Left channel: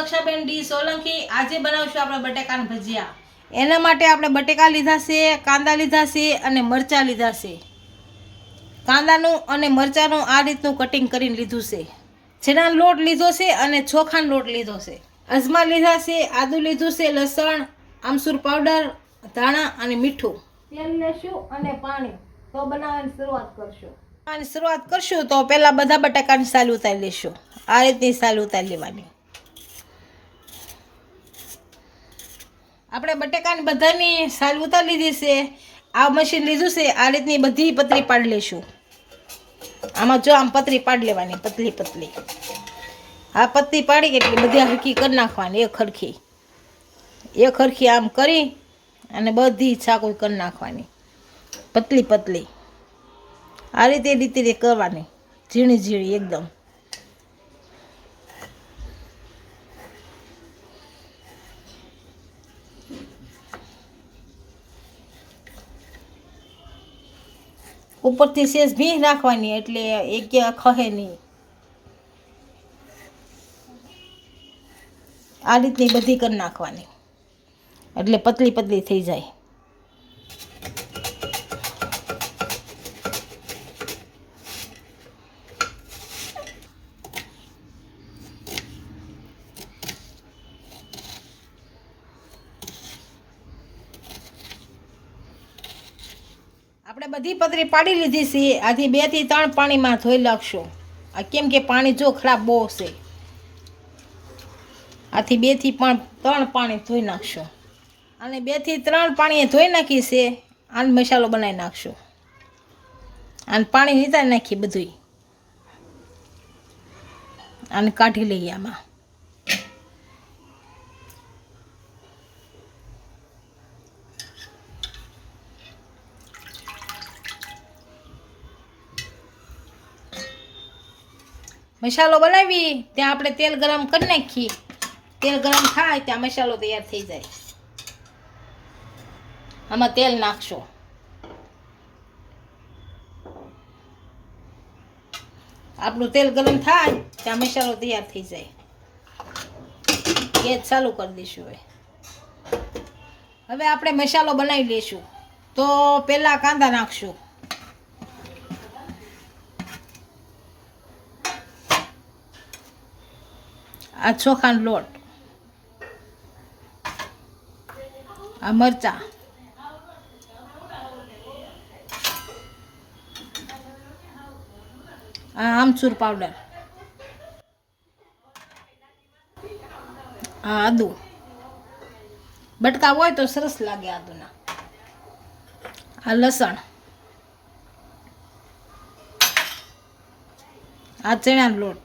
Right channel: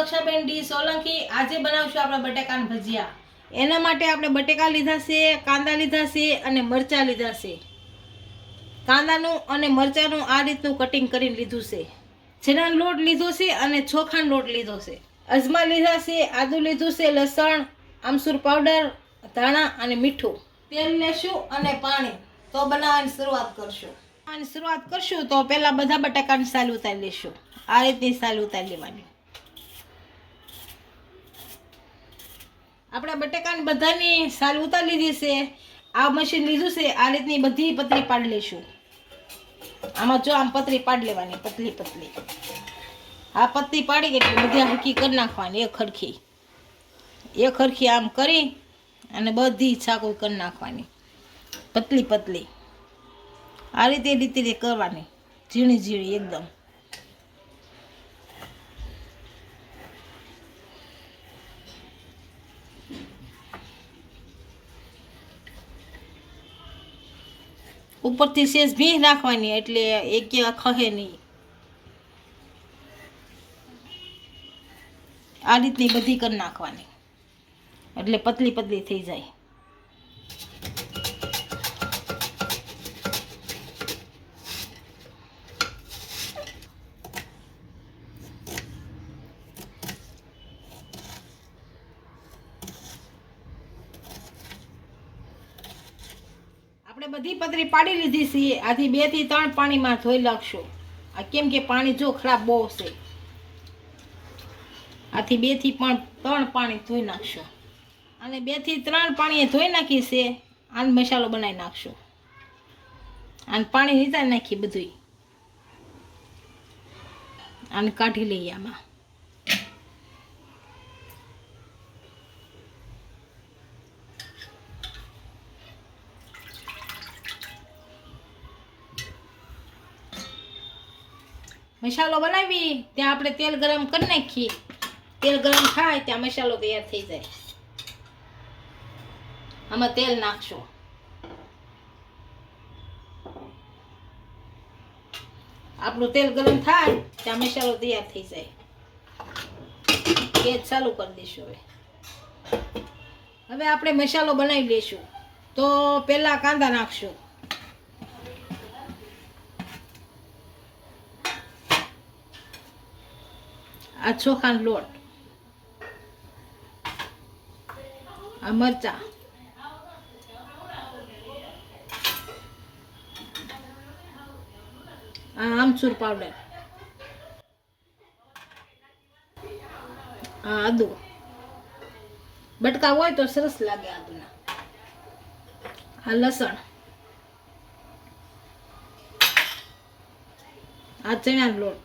દક્ષાબેન D Solanki. આજે બનાવશું આપણે બટેકાના ભજીયા। એના માટે આપણે બટેકા લીધા છે, કાંદા લીધા છે અને મરચાં લીધા છે। કાંદાનું અને મરચાંનું આ રીતનું કટિંગ કરીને લીધું છે। ચણાનો લોટ લીધો છે અને ચોખાનો લોટ લીધો છે। અજમા લીધા છે, આદુ લીધું છે, લસણ, આમચૂર પાવડર, ધાણા અને મીઠું। તેલ લેશું અને પાણી। તો બનાવવાની શરૂઆત કરશું। તો પહેલા બધા બટાકાની સાલ ઉતારી લેશું। આ રીતની સાલ ઉતારી લેવાની। આપણે બટાકાની બધાની સાલ ઉતારી લીધી છે। આ મશીન લીધું છે। આ રીતની બધી પતરી પાડી લેશું। આમાં જો આમ પતરી પાડી લેવાની, પતલી પતલી। આ પતરી પાડી એટલે બધી હરખી કરી નાખવાની। એક હરખી આમ કરી અને બધી છાકું કરી નાખવાની, પતલી પતલી। આ રીતે કરવાની, ઝીણી ઝીણી એકદમ। ઉપરથી સેજ ભીંગ નાખવાની એટલે એક ખહે નહીં। આ રીતની બધી કરી નાખવાની એટલે પતલી પતલી થઈ જાય। આપણે બધી પતરી પાડી લીધી છે। આથી 2 થી 3 પાણીમાં ધોઈ નાખશું। આ કેમ કે પાણી જો ખરાબ બહુ છે, આથી 2 થી 3 પાણી ધોઈ નાખશું। અને 2 થી 3 પાણીએ ધોઈ નાખી છે। આનો મસાલો બનાવી નાખશું। આને પાણી નીતારી નાખી બધું, આને કાઢી લઈએ આમાં। મસાલો બનાવી ત્યાં આપણે તેલ ગરમ કરી નાખીએ। તેલ ગરમ થાય ત્યાં મસાલો તૈયાર થઈ જાય। આમાં તેલ નાખશું। આપણું તેલ ગરમ થાય ત્યાં મસાલો તૈયાર થઈ જાય। ગેસ ચાલુ કરી દઈશું। હવે આપણે મસાલો બનાવી લઈશું। તો પહેલા કાંદા નાખશું। આ ચોખાનો લોટ, આ મરચાં, આ આમચૂર પાવડર, આ આદુ। બટકા હોય તો સરસ લાગે આદુના। આ લસણ, આ ચણાનો લોટ,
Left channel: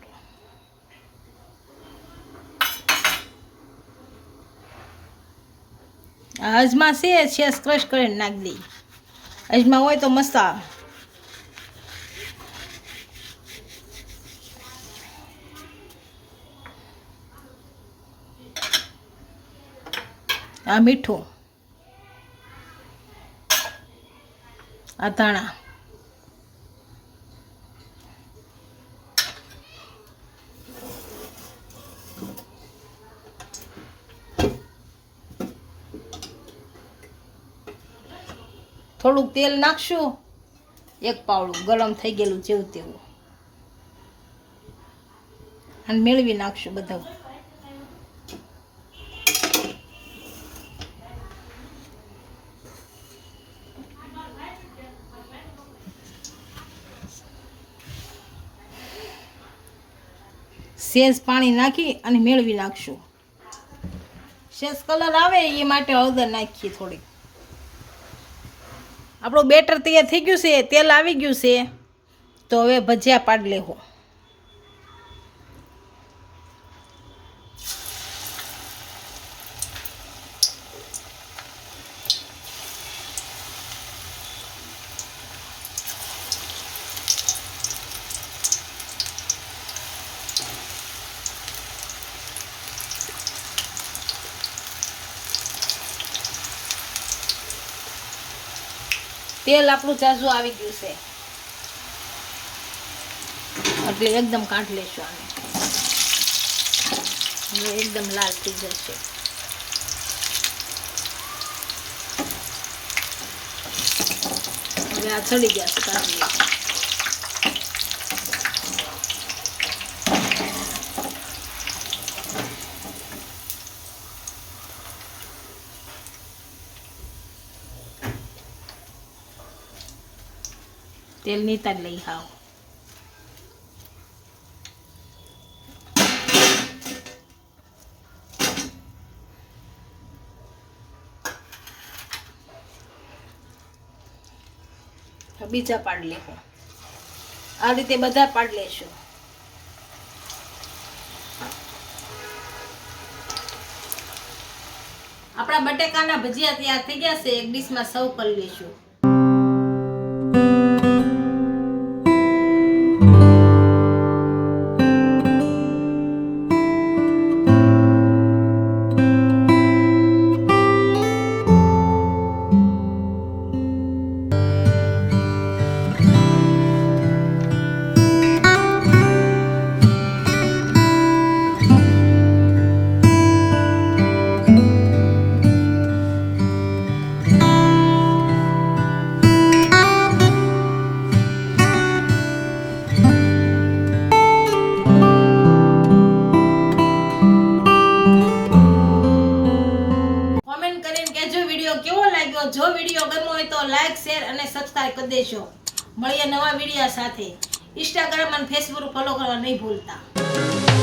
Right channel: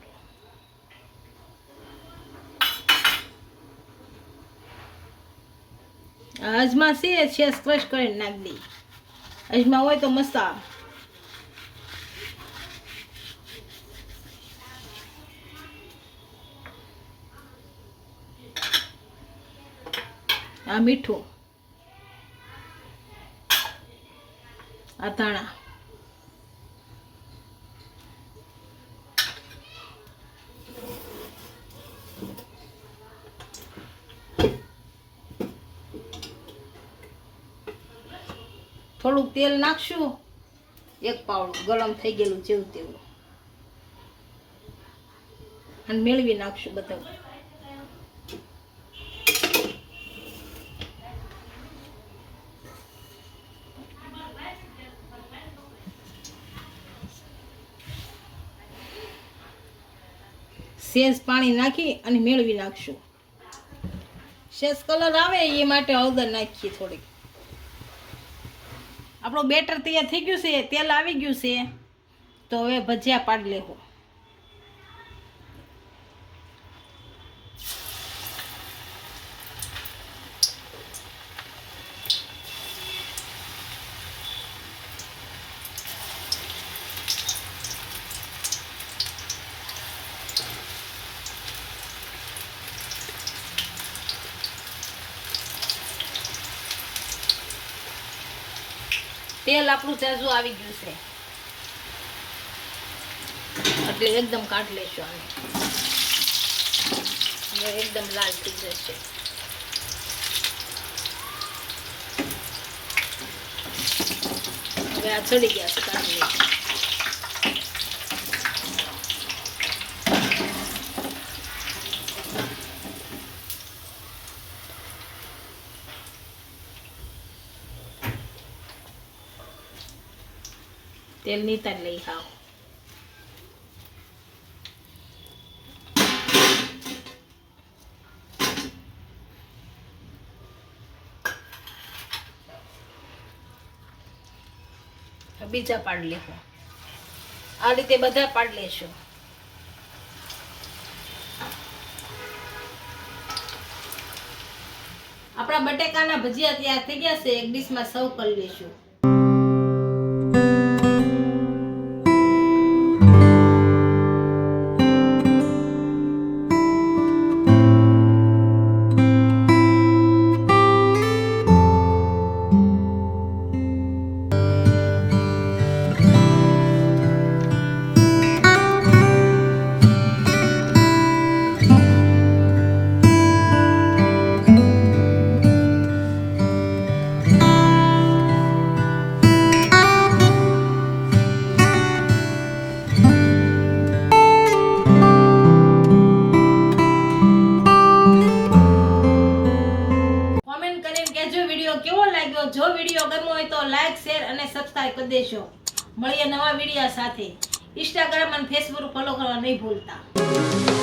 આ અજમા છે, શેષ ક્રશ કરીને નાખી દઈ। અજમા હોય તો મસ્ત આવે। આ મીઠું, આ ધાણા, થોડુંક તેલ નાખશું, 1 પાવડું ગરમ થઈ ગયેલું જેવું તેવું, અને મેળવી નાખશું બધું। સેજ પાણી નાખી અને મેળવી નાખશું। સેજ કલર આવે એ માટે હળદર નાખીએ થોડીક। આપણું બેટર તૈયાર થઈ ગયું છે, તેલ આવી ગયું છે। તો હવે ભજીયા પાડી લેવું। તેલ આપણું જાજુ આવી ગયું છે એટલે એકદમ કાઢી લેશું આને। હવે એકદમ લાલ થઈ જશે. હવે આ ચડી ગયા છે કાઢી લઈશું. તેલ નીતાર લઈ આવો. બીજા પાડ લેવું. આ રીતે બધા પાડ લેશું. આપણા બટેકાના ભજીયા તૈયાર થઈ ગયા છે. એક ડીશમાં સર્વ કરી લેશું. વિડીયો કેવો લાગ્યો? જો વિડીયો ગમ્યો હોય તો લાઈક, શેર અને સબસ્ક્રાઇબ કરી દેજો. મળીએ નવા વિડીયો સાથે. ઇન્સ્ટાગ્રામ અને ફેસબુક ફોલો કરવા નહીં ભૂલતા.